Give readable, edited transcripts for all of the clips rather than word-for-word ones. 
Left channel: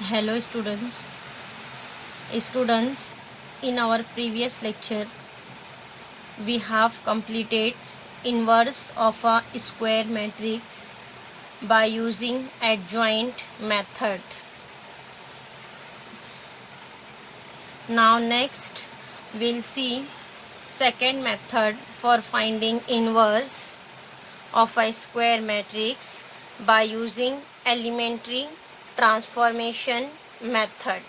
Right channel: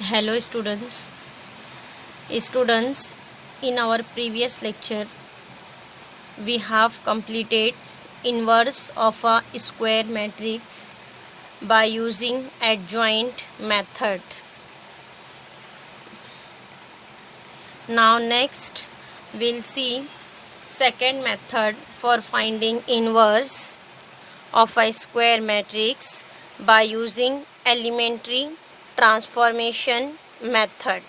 Hello students, in our previous lecture we have completed inverse of a square matrix by using adjoint method. Now next we'll see second method for finding inverse of a square matrix by using elementary transformation method.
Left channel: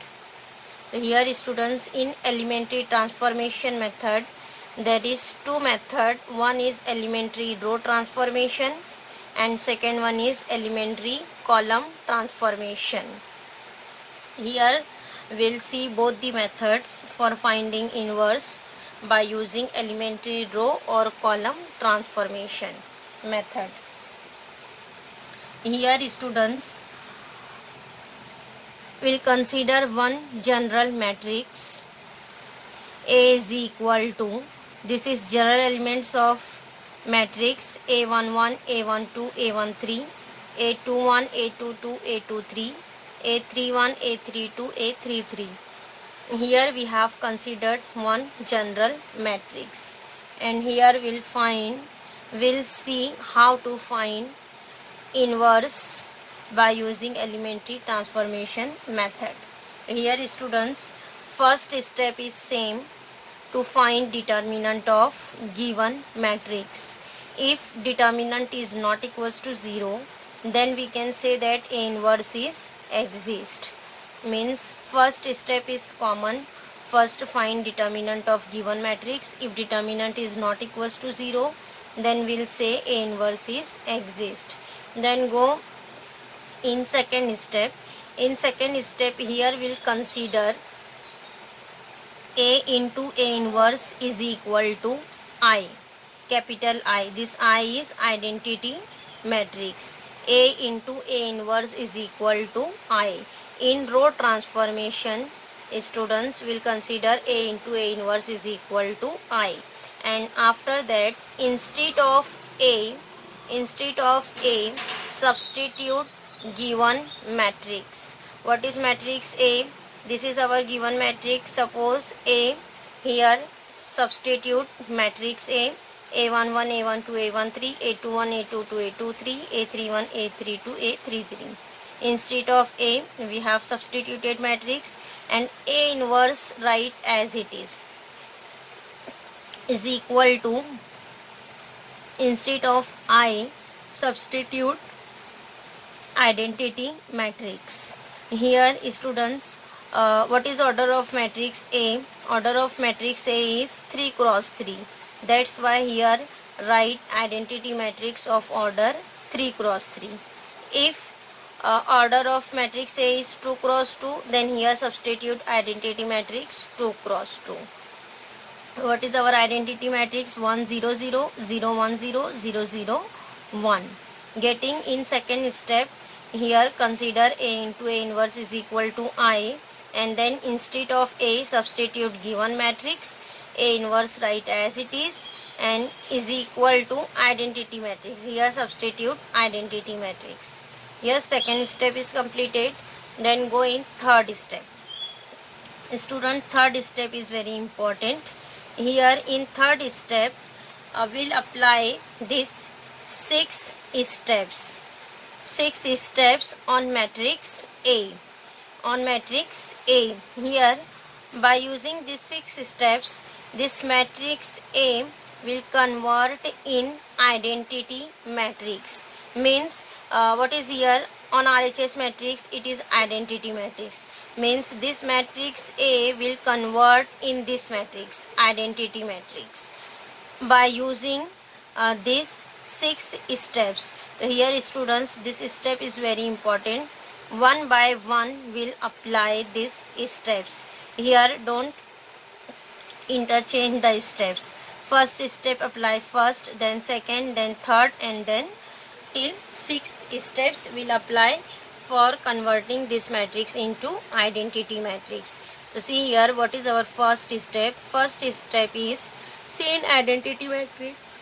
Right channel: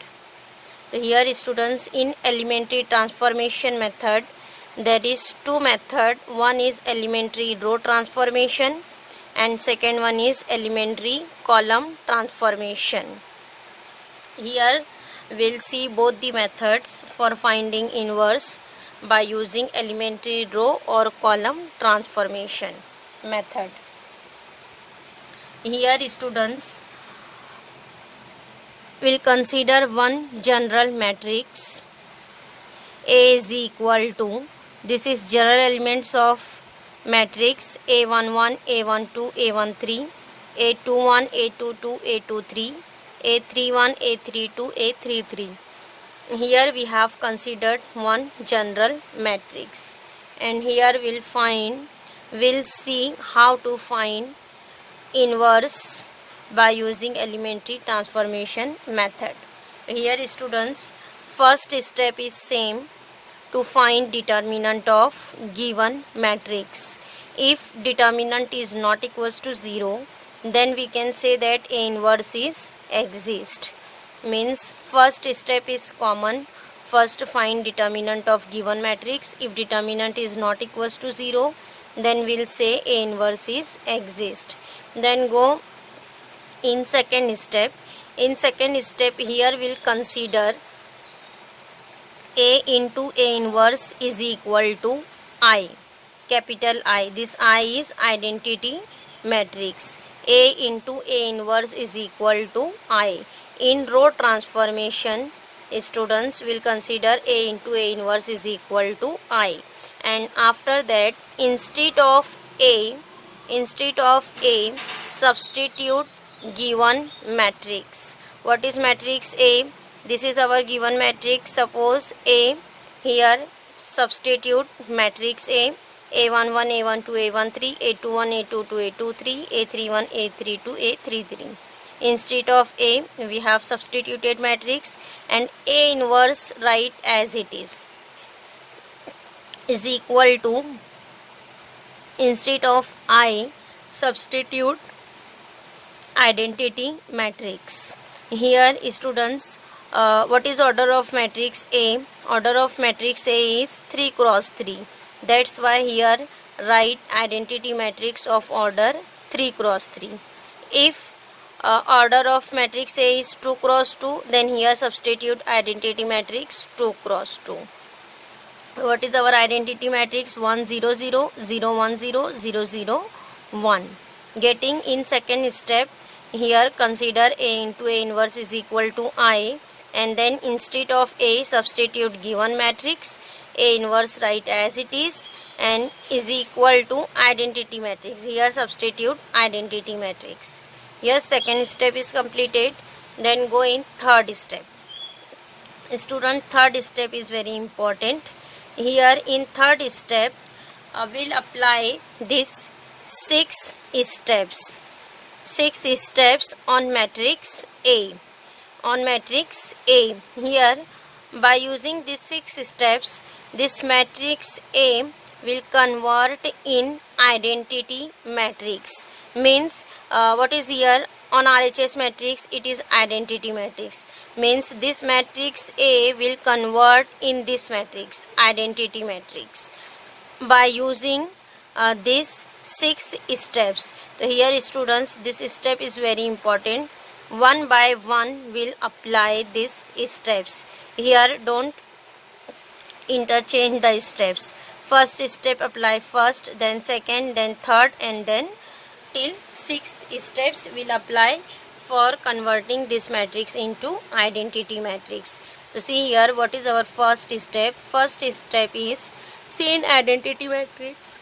Here students, in elementary transformation method there is two method. One is elementary row transformation and second one is elementary column transformation. Here we'll see both the methods for finding inverse by using elementary row or column transformation method. Here students, we'll consider one general matrix A is equal to, this is general elements of matrix A11, A12, A13, A21, A22, A23, A31, A32, A33. Here we have considered one general matrix, and here we'll see how to find inverse by using elementary transformation method. Here students, first step is same, to find determinant of given matrix. If determinant is not equals to 0, then we can say that A inverse is exist. Means first step is common. First find determinant of given matrix. If determinant is not equals to 0, then we'll say A inverse is exist. Then go in second step. In second step, here we'll consider A into A inverse is equal to I, capital I. This I is identity matrix. A into A inverse is equal to I. In row transformation, students will consider A into A inverse is equal to I. And after that, instead of A, substitute given matrix. What is matrix A? This is our given matrix. Suppose A, here substitute matrix A, A11, A12, A13, A21, A22, A23, A31, A32, A33. Instead of A, we have substituted matrix, and A inverse write as it is equal to, instead of I, substitute identity matrix. Here students, what is order of matrix A? Order of matrix A is 3 cross 3. That's why here write identity matrix of order 3 cross 3. If order of matrix A is 2 cross 2, then here substitute identity matrix 2 cross 2. What is our identity matrix? 1 0 0 0 1 0 0 0 1. Getting in second step, here consider A into A inverse is equal to I, and then instead of A substitute given matrix, A inverse write as it is, and is equal to identity matrix. Here substitute identity matrix. Here second step is completed. Then go in third step. Student, third step is very important. Here in third step, we'll apply this 6 steps. 6 steps on matrix A. On matrix A. Here, by using these 6 steps, this matrix A will convert in identity matrix. Means what is here on RHS matrix? It is identity matrix. Means this matrix A will convert in this matrix, identity matrix, by using this 6 steps. So here students, this step is very important. One by one will apply these steps. Here don't interchange the steps. First step apply first, then second, then third, and then till 6th steps will apply for converting this matrix into identity matrix. So see here, what is our first step? First step is, see in identity matrix,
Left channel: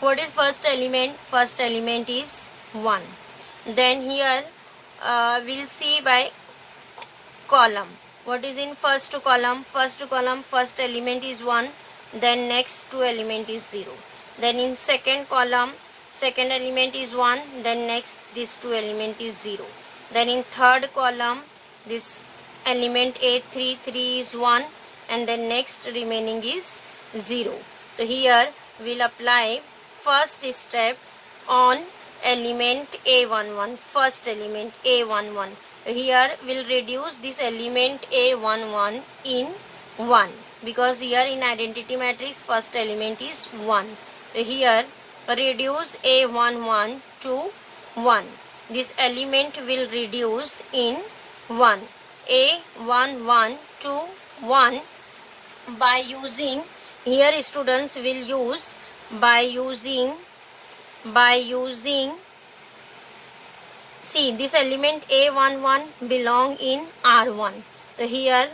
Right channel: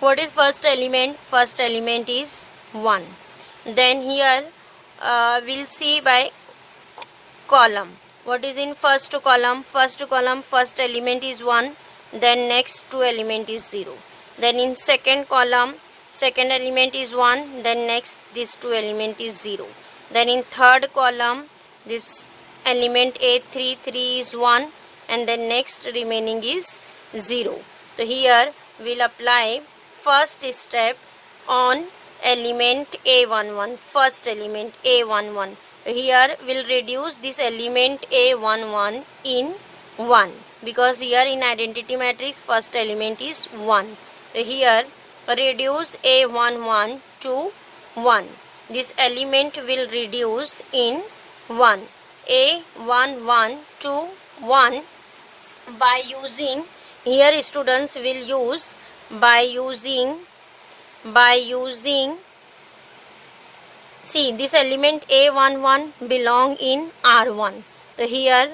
what is first element? First element is 1. Then here we'll see by column. What is in first column? First column, first element is 1, then next two element is 0. Then in second column, second element is 1, then next this two element is 0. Then in third column, this element A3, 3 is 1, and then next remaining is 0. So here we'll apply first step on element A11, first element A11. Here we'll reduce this element A11 in 1, because here in identity matrix first element is 1. Here reduce A11 to 1. This element will reduce in 1. A11 to 1 by using, here students will use by using see, this element A11 belong in R1. So here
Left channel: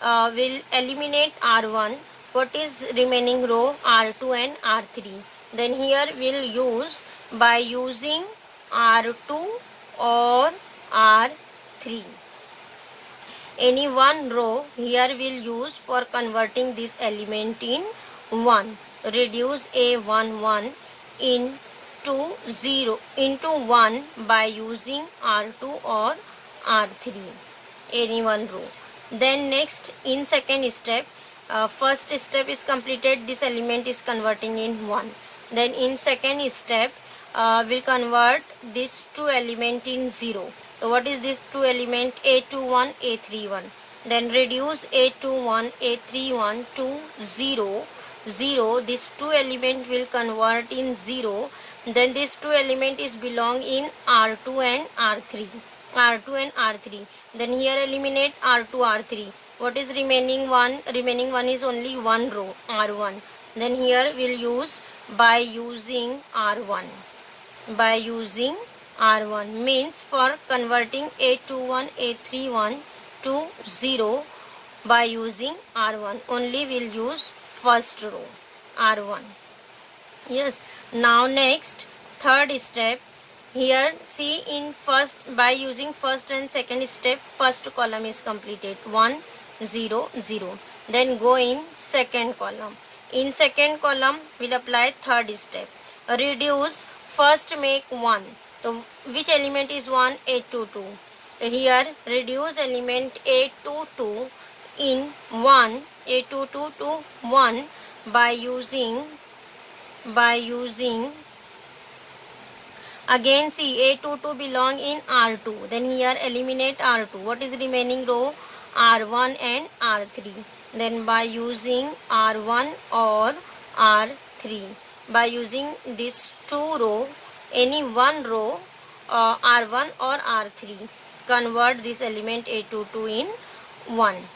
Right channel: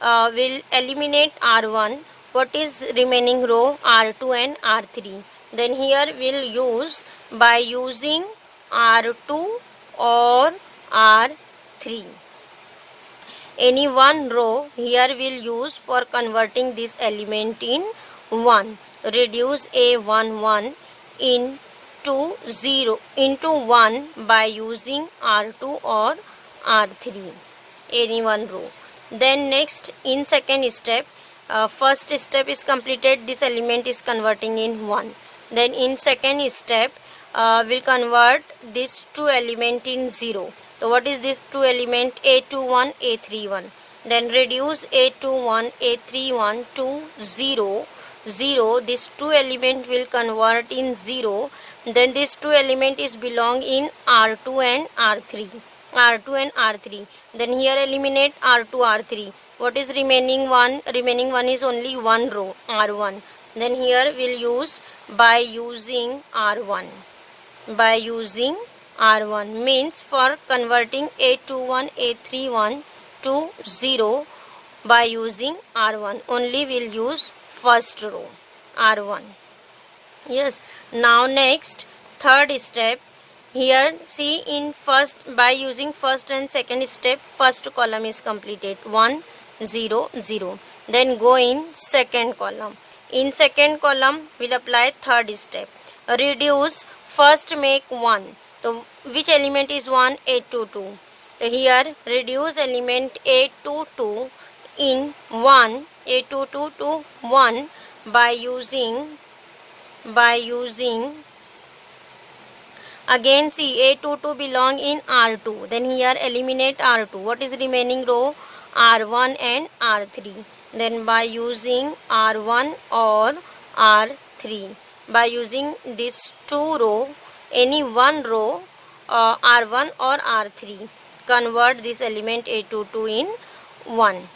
we'll eliminate R1. What is remaining row? R2 and R3. Then here we'll use by using R2 or R3. Any one row here we'll use for converting this element in 1. Reduce A11 into 0 into 1 by using R2 or R3, any one row. Then next, in second step, first step is completed, this element is converting in 1. Then in second step, we'll convert this two element in 0. So what is this two element? A21, A31. Then reduce A21, A31 to 0. 0, this two element will convert in 0. Then this two element is belong in R2 and R3. R2 and R3. Then here eliminate R2, R3. What is remaining one? Remaining one is only one row, R1. Then here we'll use by using R1. By using R1 means for converting A21, A31 to 0 by using R1. Only we'll use first row, R1. Yes. Now next, third step. Here see, in first, by using first and second step, first column is completed, 1, 0, 0. Then go in second column. In second column we'll apply third step. Reduce, first make 1. So which element is 1? A22. Here reduce element A22 in 1, A22 to 1 by using again, see, A22 belong in R2. Then here eliminate R2. What is remaining row? R1 and R3. Then by using R1 or R3. By using this two row, any one row, R1 or R3. Convert this element A22 in 1.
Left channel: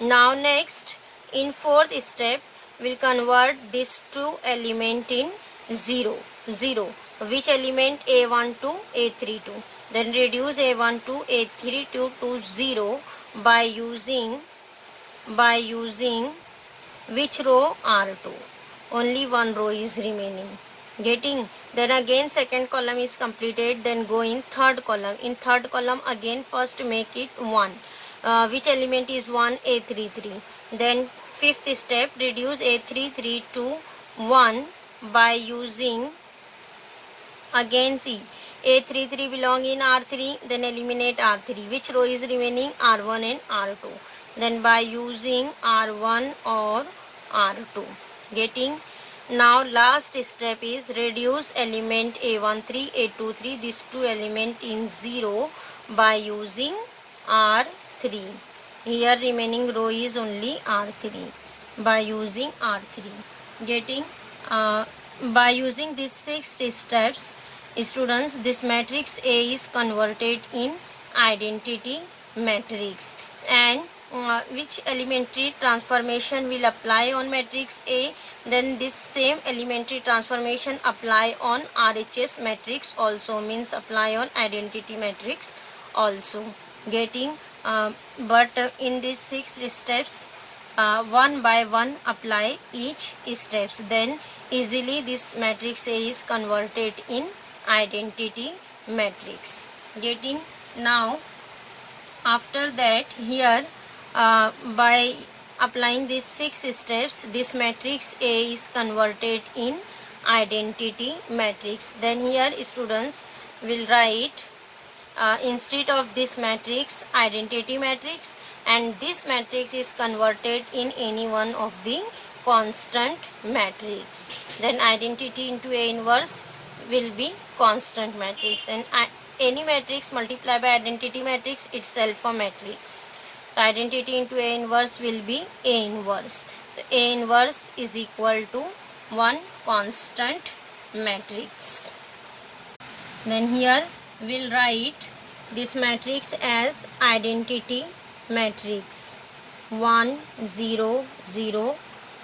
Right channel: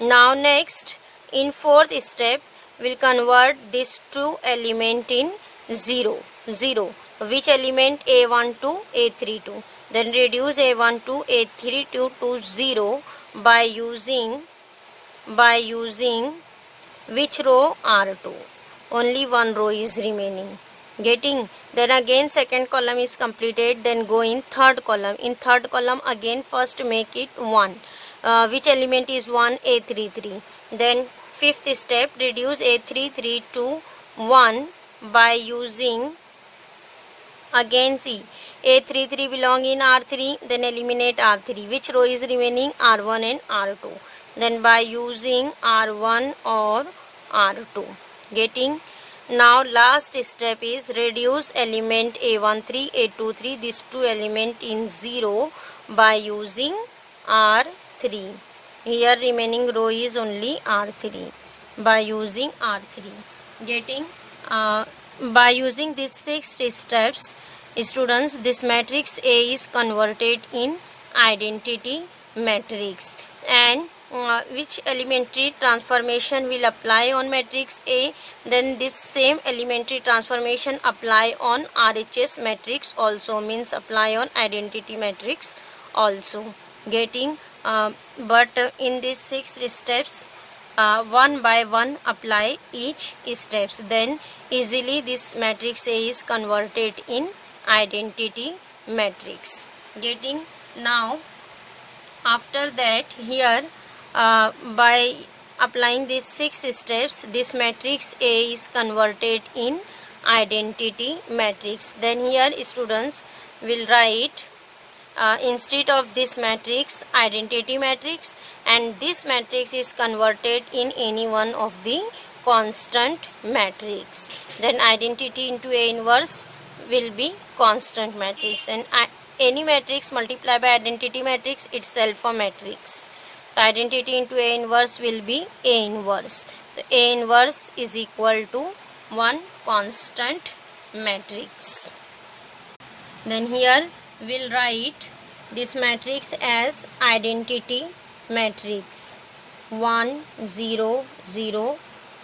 Now next, in fourth step, we'll convert this two element in 0. 0. Which element? A1 to A32. Then reduce A1 to A32 to 0 by using which row? R2. Only one row is remaining. Getting? Then again second column is completed. Then go in third column. In third column again first make it 1. Which element is 1? A33. Then fifth step, reduce A33 to 1 by using, again see, A33 belong in R3, then eliminate R3. Which row is remaining? R1 and R2. Then by using R1 or R2. Getting? Now last step is reduce element A13, A23, these two element in 0 by using R3. Here remaining row is only R3 by using R3. Getting? By using these 6 steps, students, this matrix A is converted in identity matrix. And which elementary transformation will apply on matrix A? Then this same elementary transformation apply on RHS matrix also, means apply on identity matrix also. Getting? But in these 6 steps, one by one apply each steps, then easily this matrix A is converted in identity matrix. Getting? Now After that, here by applying these 6 steps, this matrix A is converted in identity matrix. Then here students will write instead of this matrix, identity matrix, and this matrix is converted in any one of the constant matrix. Then identity into A inverse will be constant matrix, and any matrix multiplied by identity matrix itself a matrix. So identity into A inverse will be A inverse. The A inverse is equal to one constant matrix. Then here we'll write this matrix as identity matrix 1 0 0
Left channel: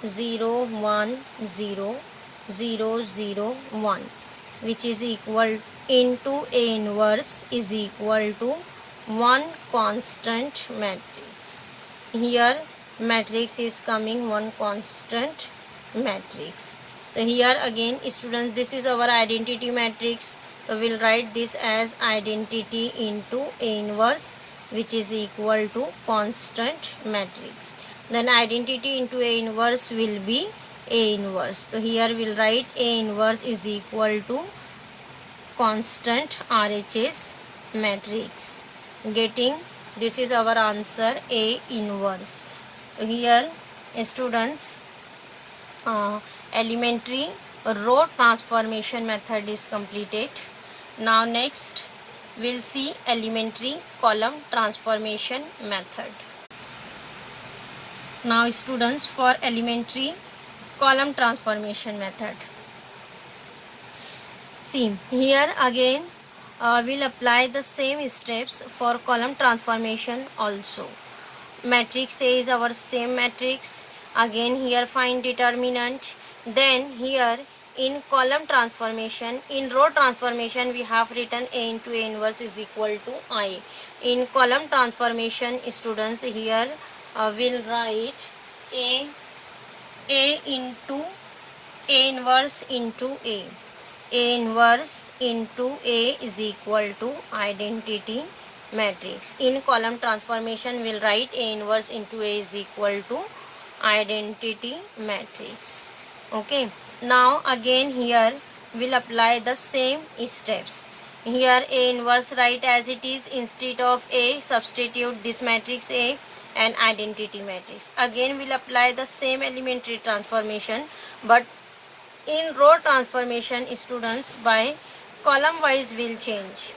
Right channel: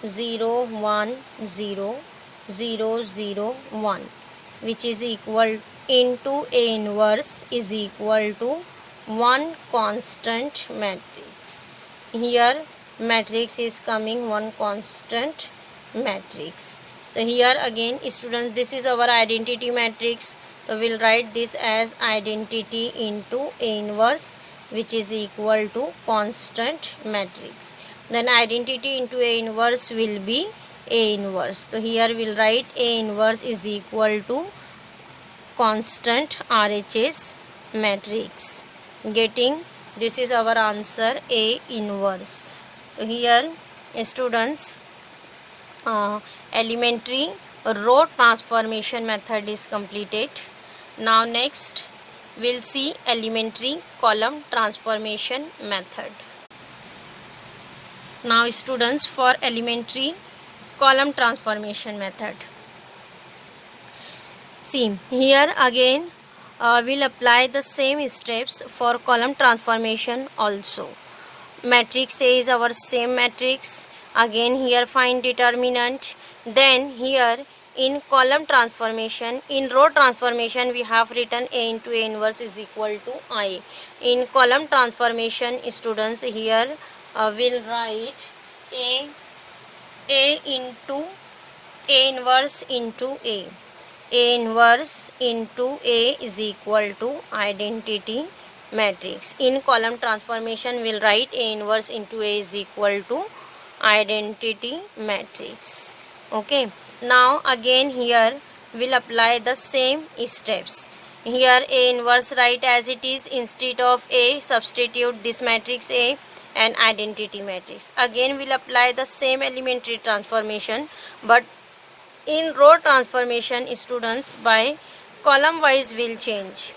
0 1 0 0 0 1, which is equal into A inverse is equal to one constant matrix. Here matrix is coming one constant matrix. So here again students, this is our identity matrix. So we'll write this as identity into A inverse, which is equal to constant matrix. Then identity into A inverse will be A inverse. So here we'll write A inverse is equal to constant RHS matrix. Getting this is our answer, A inverse. So here students, elementary row transformation method is completed. Now next we'll see elementary column transformation method. Now students, for elementary column transformation method, see here again we'll apply the same steps for column transformation also. Matrix A is our same matrix. Again here find determinant. Then here in column transformation, in row transformation we have written A into A inverse is equal to I. In column transformation students, here we'll write A into A inverse into A. A inverse into A is equal to identity matrix. In column transformation we'll write A inverse into A is equal to identity matrix. Okay, now again here we'll apply the same steps. Here A inverse write as it is, instead of A substitute this matrix A and identity matrix. Again we'll apply the same elementary transformation, but in row transformation students, by column wise will change.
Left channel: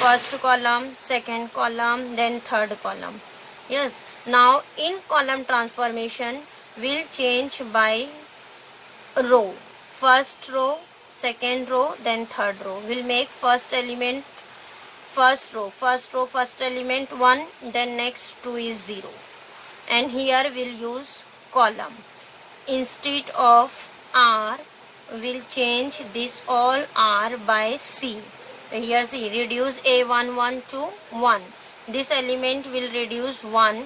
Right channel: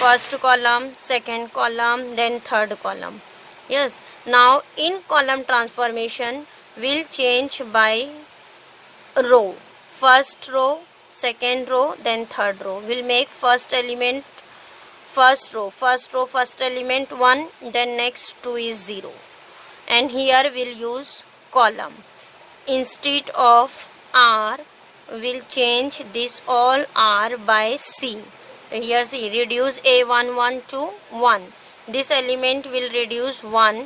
First column, second column, then third column. Yes, now in column transformation will change by row. First row, second row, then third row. We'll make first element first row, first element 1, then next 2 is 0. And here we'll use column. Instead of R, we'll change this all R by C. Here see, reduce A11 to 1. This element will reduce 1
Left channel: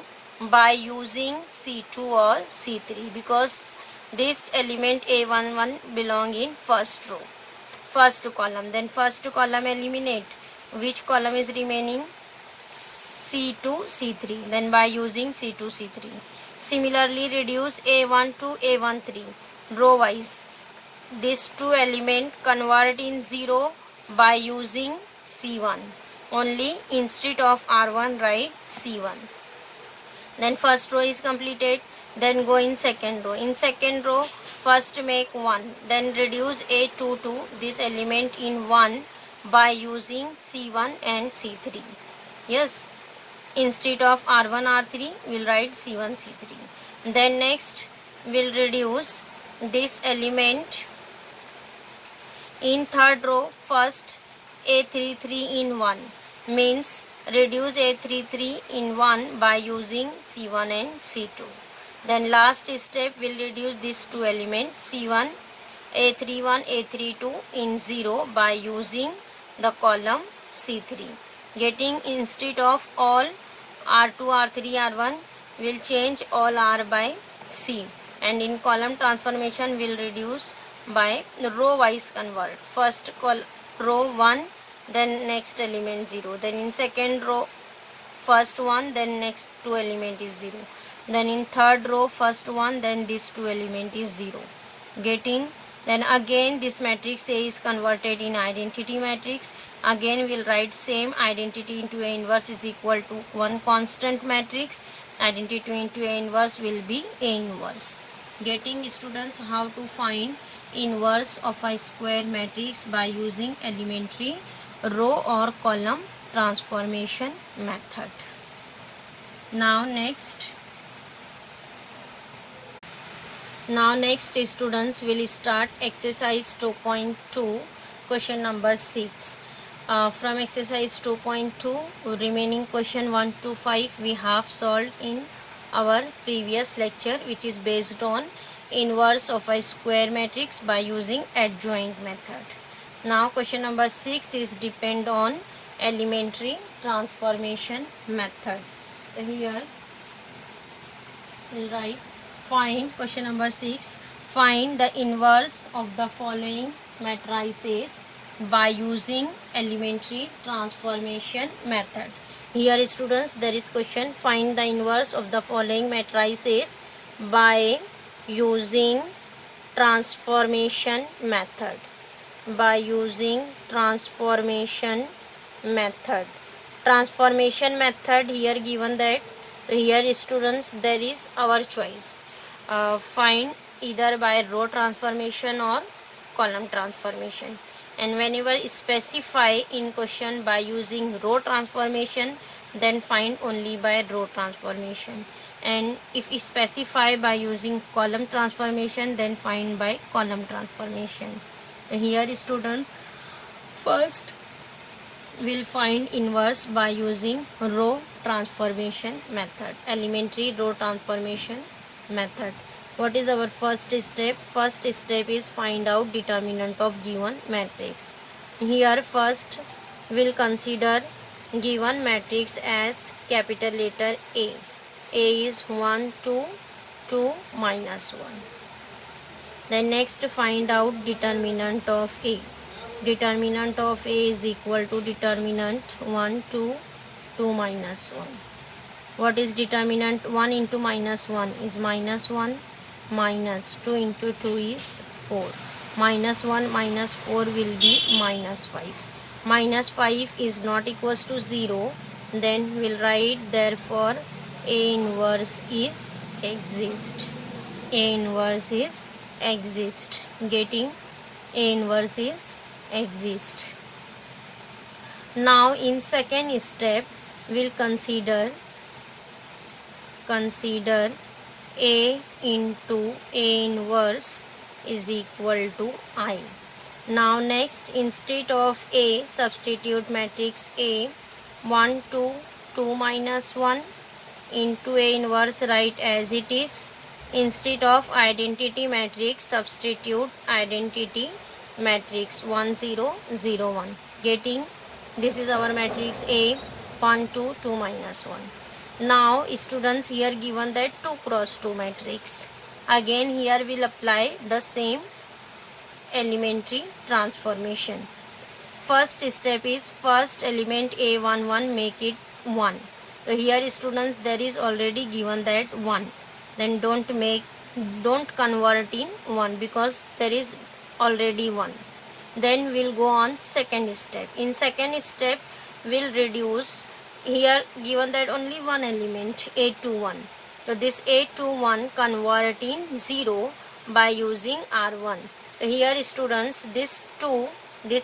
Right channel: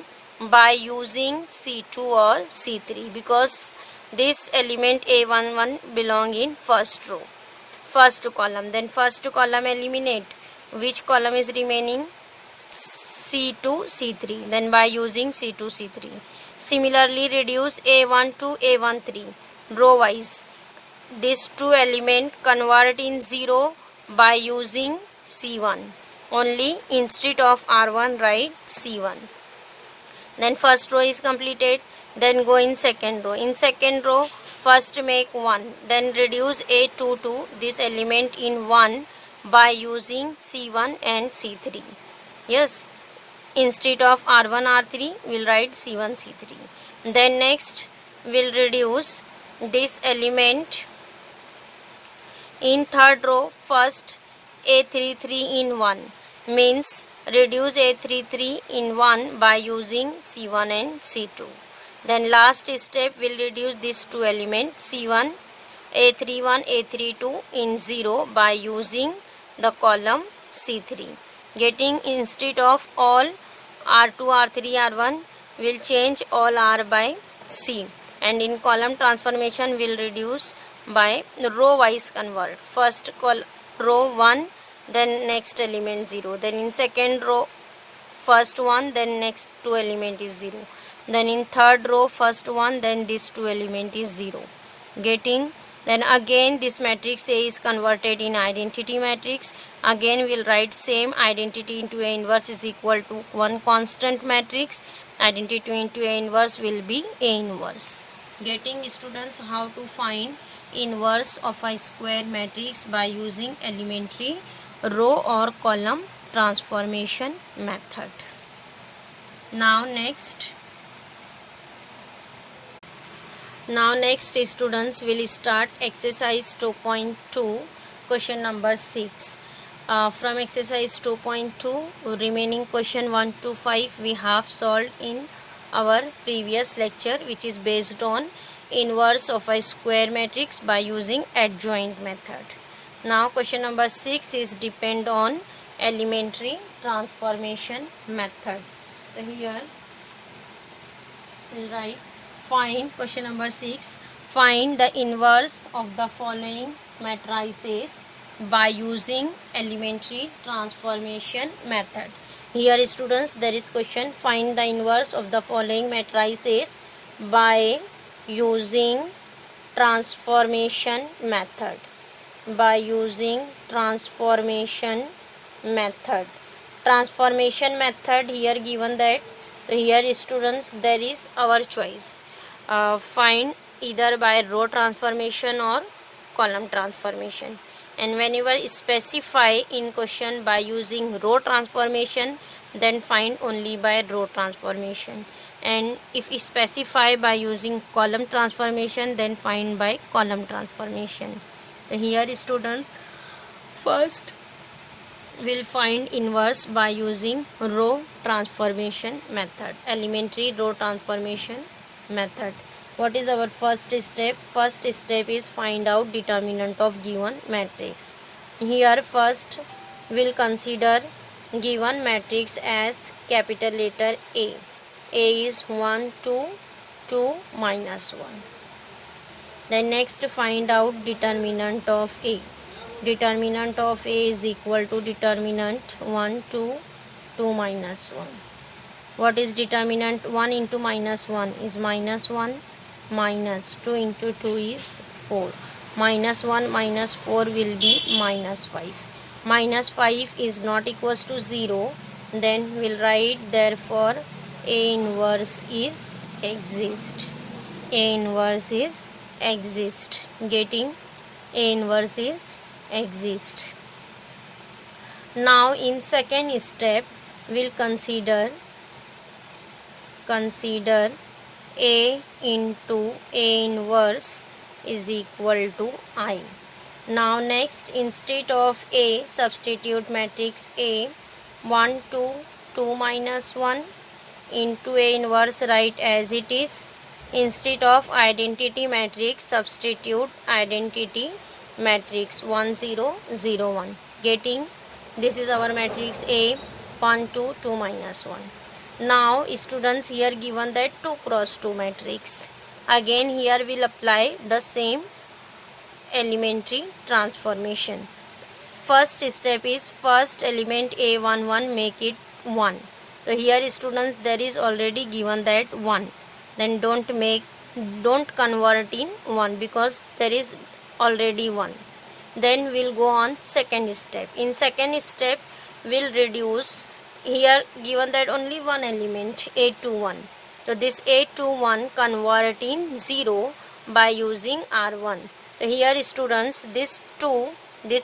by using C2 or C3, because this element A11 belong in first row, first column. Then first column eliminate. Which column is remaining? C2, C3. Then by using C2, C3. Similarly, reduce A1 to A13 row wise. These two element convert in 0 by using C1. Only instead of R1 write C1. Then first row is completed. Then go in second row. In second row, first make 1. Then reduce A2 to this element in 1 by using C1 and C3. Yes, instead of R1, R3, we'll write C1, C3. Then next, we'll reduce this element in third row. First A33 in 1, means reduce A33 in 1 by using C1 and C2. Then last step will reduce these two elements C1, A31, A32 in 0 by using the column C3. Getting instead of all R2, R3, R1, will change all R by C. And in column transformation will reduce by row wise convert. First row 1, then next element 0. Then in second row first one, then next two element is 0. Then in third row first one, then this two element is 0. Getting? Then again this matrix A is converted in identity matrix. Again we'll write same identity into A inverse is equal to one constant matrix. Identity into A inverse will be A inverse. Getting, students, how to find inverse of a square matrix by using elementary row or column transformation method. Now next students will start exercise 2.2 question number 6. From exercise 2.2 remaining question 1 to 5 we have solved in our previous lecture, which is based on inverse of a square matrix by using adjoint method. Now question number 6 is depend on elementary transformation method. So here we'll write find question number 6, find the inverse of the following matrices by using elementary transformation method. Here students, there is question, find the inverse of the following matrices by using transformation method. By using transformation method. Transformation method here given that here students there is our choice. Find either by row transformation or column transformation, and whenever specify in question by using row transformation, then find only by row transformation, and if specify by using column transformation, then find by column transformation. Here students, first we'll find inverse by using row transformation method, elementary row transformation method. What is our first step? First step is find out determinant of given matrix. Here first we'll consider given matrix as capital letter A. A is 1, 2, 2, minus 1. Then next find out determinant of A. Determinant of A is equal to determinant 1, 2, 2 minus 1. What is determinant? 1 into minus 1 is minus 1, minus 2 into 2 is 4. Minus 1 minus 4 will be minus 5. Minus 5 is not equals to 0. Then we'll write therefore A inverse is exist. A inverse is exist. Getting? A inverse is exist. Now in second step we'll consider A into A inverse is equal to I. Now next, instead of A, substitute matrix A 1, 2, 2 minus 1 into A inverse, write as it is. Instead of identity matrix, substitute identity matrix 1, 0, 0, 1. Getting? This is our matrix A 1, 2, 2 minus 1. Now students, here given that 2 cross 2 matrix. Again here we'll apply the same elementary transformation. First step is first element A11 make it 1. So here students, there is already given that 1. Then don't convert in 1 because there is already 1. Then we'll go on second step. In second step we'll reduce. Here given that only one element A21. So this A21 convert in 0 by using R1. So here students, this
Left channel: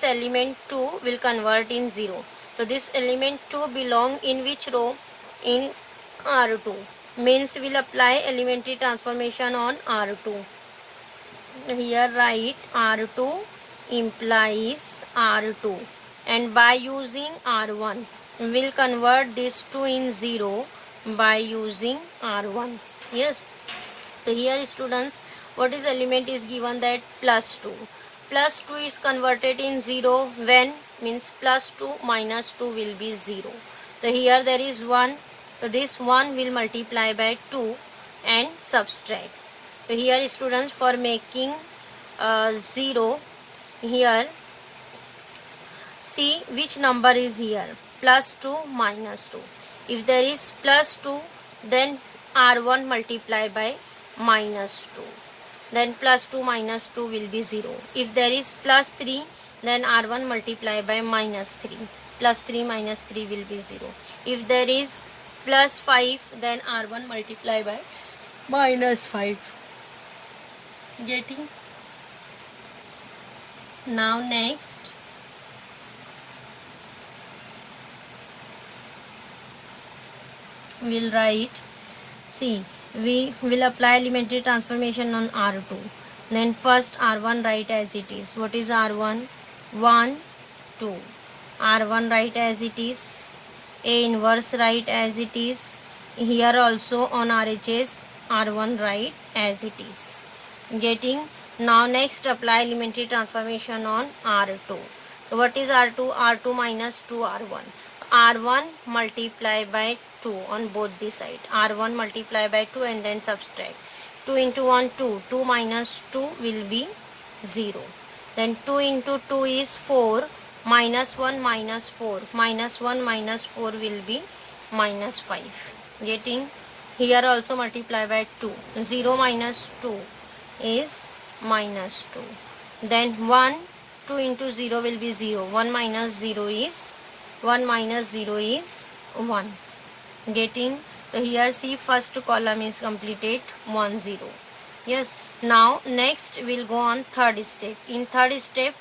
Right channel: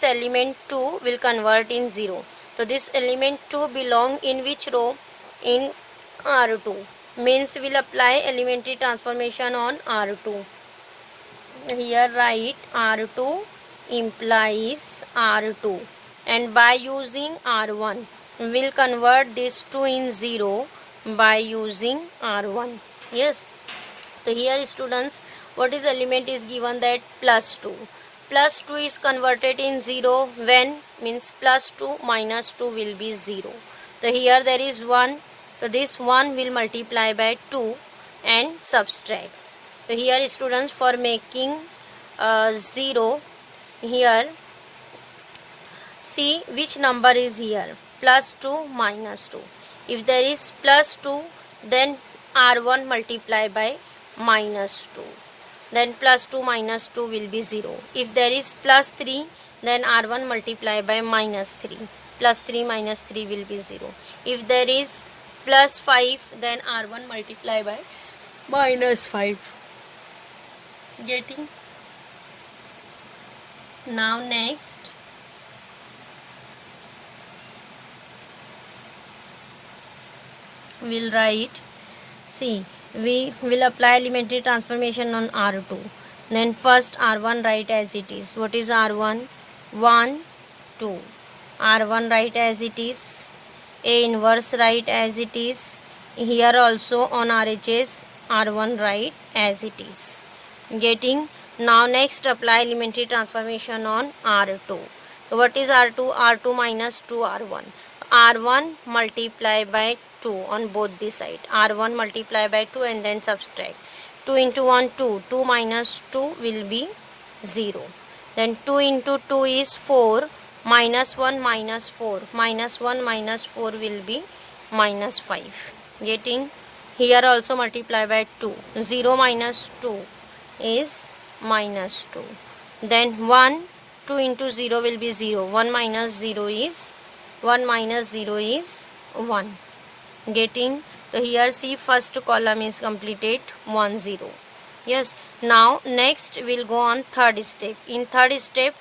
element 2 will convert in 0. So this element 2 belong in which row? In R2. Means we'll apply elementary transformation on R2. Here write R2 implies R2, and by using R1 we'll convert this 2 in 0 by using R1. Yes. So here students, what is element is given that plus 2. Plus 2 is converted in 0 when? Means plus 2 minus 2 will be 0. So here there is 1. So this 1 will multiply by 2 and subtract. So here students, for making 0, here see which number is here, plus 2 minus 2. If there is plus 2, then R1 multiply by minus 2. Then plus 2 minus 2 will be 0. If there is plus 3, then R1 multiply by minus 3. Plus 3 minus 3 will be 0. If there is plus 5, then R1 multiply by minus 5. Getting? Now next, we'll write, see, we will apply elementary transformation on R2. Then first R1 write as it is. What is R1? 1, 2. R1 write as it is. A inverse write as it is. Here also on RHS R1 write as it is. Getting? Now next apply elementary transformation on R2. So what is R2? R2 minus 2 R1. R1 multiply by 2 on both the side. R1 multiply by 2 and then subtract. 2 into 1 2. 2 minus 2 will be 0. Then 2 into 2 is 4. Minus 1 minus 4. Minus 1 minus 4 will be minus 5. Getting? Here also multiply by 2. 0 minus 2 is minus 2. Then 1, 2 into 0 will be 0. 1 minus 0 is 1 minus 0 is 1. Getting? So here see first column is completed 1 0. Yes. Now next we'll go on third step. In third step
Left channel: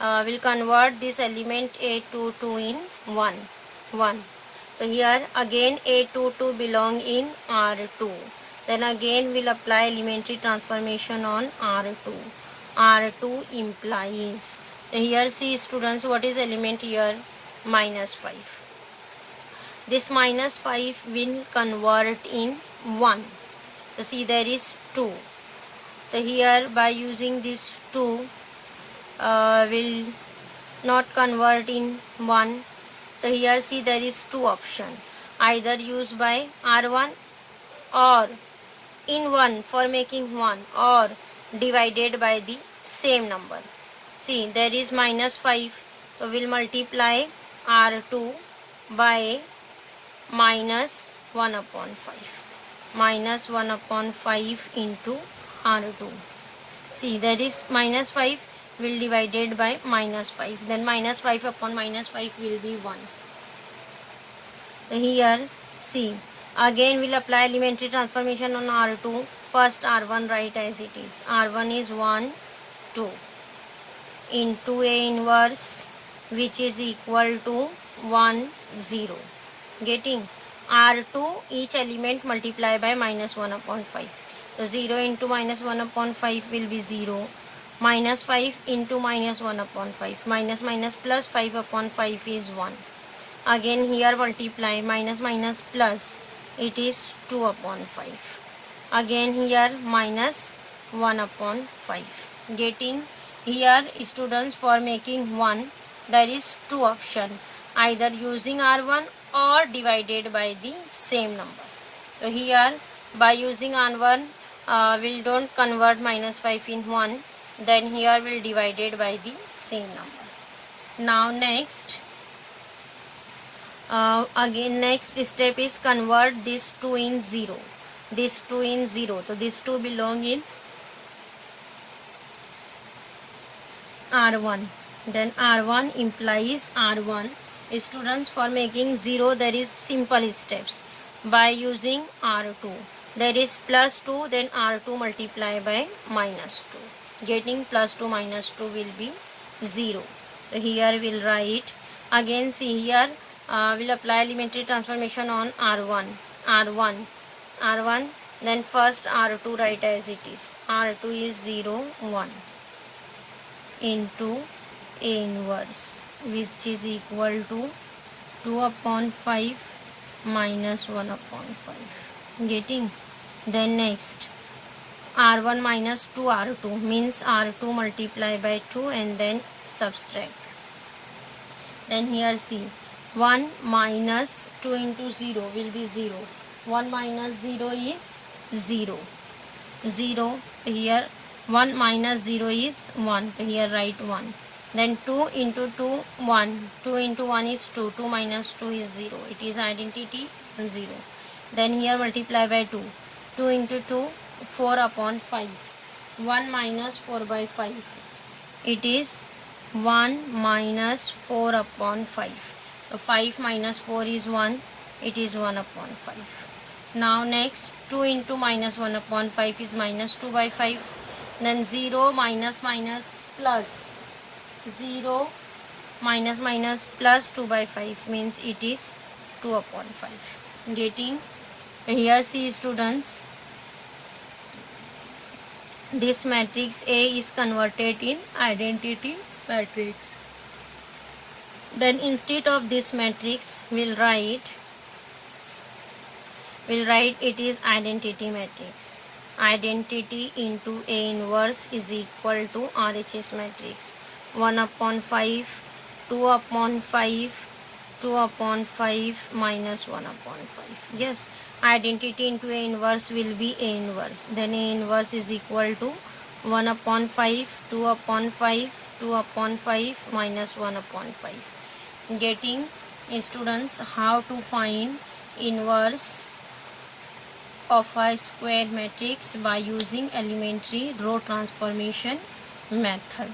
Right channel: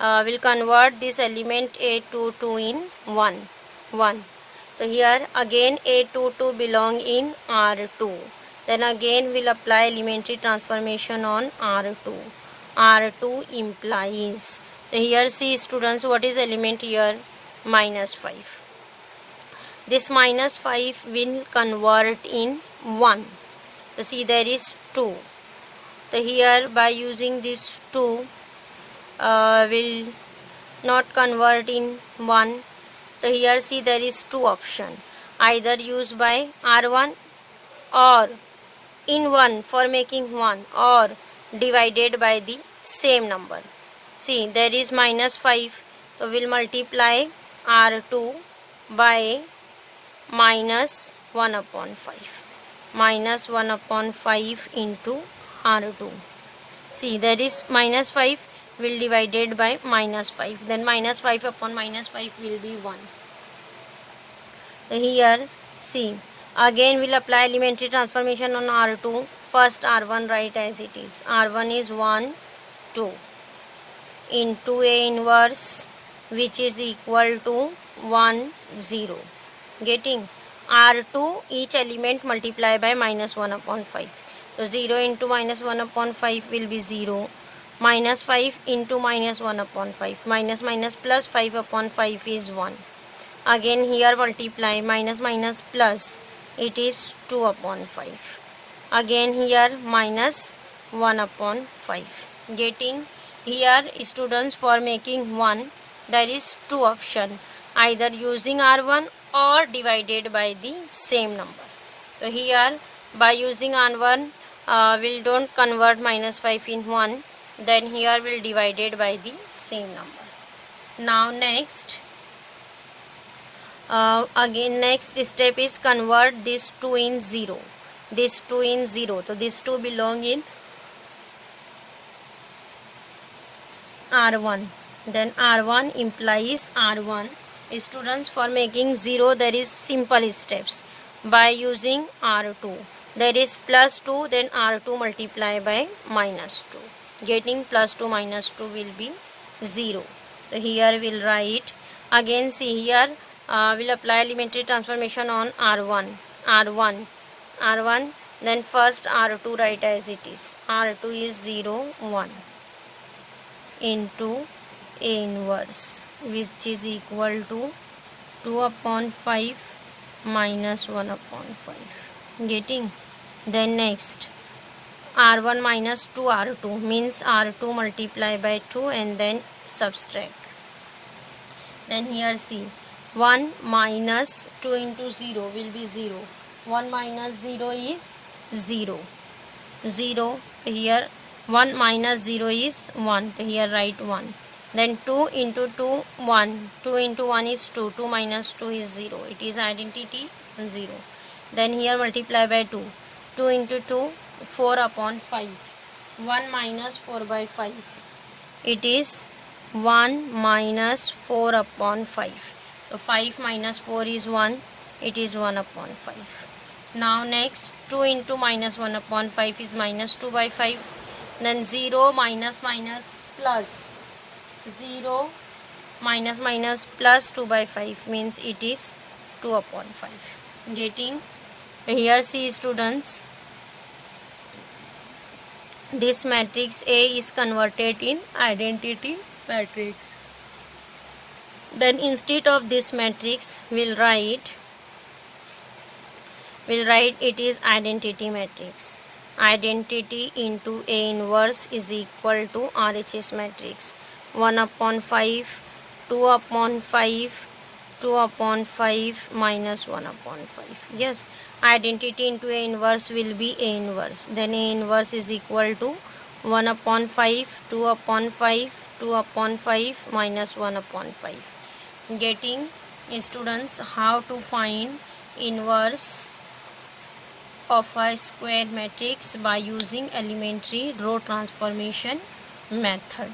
we'll convert this element A22 in 1 1. So here again A22 belong in R2. Then again we'll apply elementary transformation on R2. R2 implies. So here see students, what is element here? Minus 5. This minus 5 will convert in 1. So see there is 2. So here by using this 2 will not convert in 1. So here see there is 2 option. Either used by R1 or in 1 for making 1 or divided by the same number. See there is minus 5. So we'll multiply R2 by minus 1 upon 5. Minus 1 upon 5 into R2. See there is minus 5 will divided by minus 5. Then minus 5 upon minus 5 will be 1. So here see again we'll apply elementary transformation on R2. First R1 write as it is. R1 is 1 2 into A inverse which is equal to 1 0. Getting? R2 each element multiply by minus 1 upon 5. So 0 into minus 1 upon 5 will be 0. Minus 5 into minus 1 upon 5. Minus minus plus 5 upon 5 is 1. Again here multiply minus minus plus. It is 2 upon 5. Again here minus 1 upon 5. Getting? Here students, for making 1 there is 2 option. Either using R1 or divided by the same number. So here by using R1 we'll don't convert minus 5 in 1. Then here we'll divided by the same number. Now next again next step is convert this 2 in 0. This 2 in 0. So this 2 belong in R1. Then R1 implies R1. Students, for making 0 there is simple steps. By using R2 there is plus 2, then R2 multiply by minus 2. Getting? Plus 2 minus 2 will be 0. So here we'll write. Again see here we'll apply elementary transformation on R1. Then first R2 write as it is. R2 is 0 1 into A inverse which is equal to 2 upon 5 minus 1 upon 5. Getting? Then next R1 minus 2 R2 means R2 multiply by 2 and then subtract. Then here see 1 minus 2 into 0 will be 0. 1 minus 0 is 0. 0 here 1 minus 0 is 1. Here write 1. Then 2 into 2 1. 2 into 1 is 2. 2 minus 2 is 0. It is identity 0. Then here multiply by 2. 2 into 2, 4 upon 5. 1 minus 4 by 5. It is 1 minus 4 upon 5. So 5 minus 4 is 1. It is 1 upon 5. Now next 2 into minus 1 upon 5 is minus 2 by 5. Then 0 minus minus plus 0 minus minus plus 2 by 5 means it is 2 upon 5. Getting? Here see students, this matrix A is converted in identity matrix. Then instead of this matrix we'll write it is identity matrix. Identity into A inverse is equal to RHS matrix. 1 upon 5, 2 upon 5, 2 upon 5 minus 1 upon 5. Yes, identity into A inverse will be A inverse. Then A inverse is equal to 1 upon 5, 2 upon 5, 2 upon 5 minus 1 upon 5. Getting? Students, how to find inverse of a square matrix by using elementary row transformation method.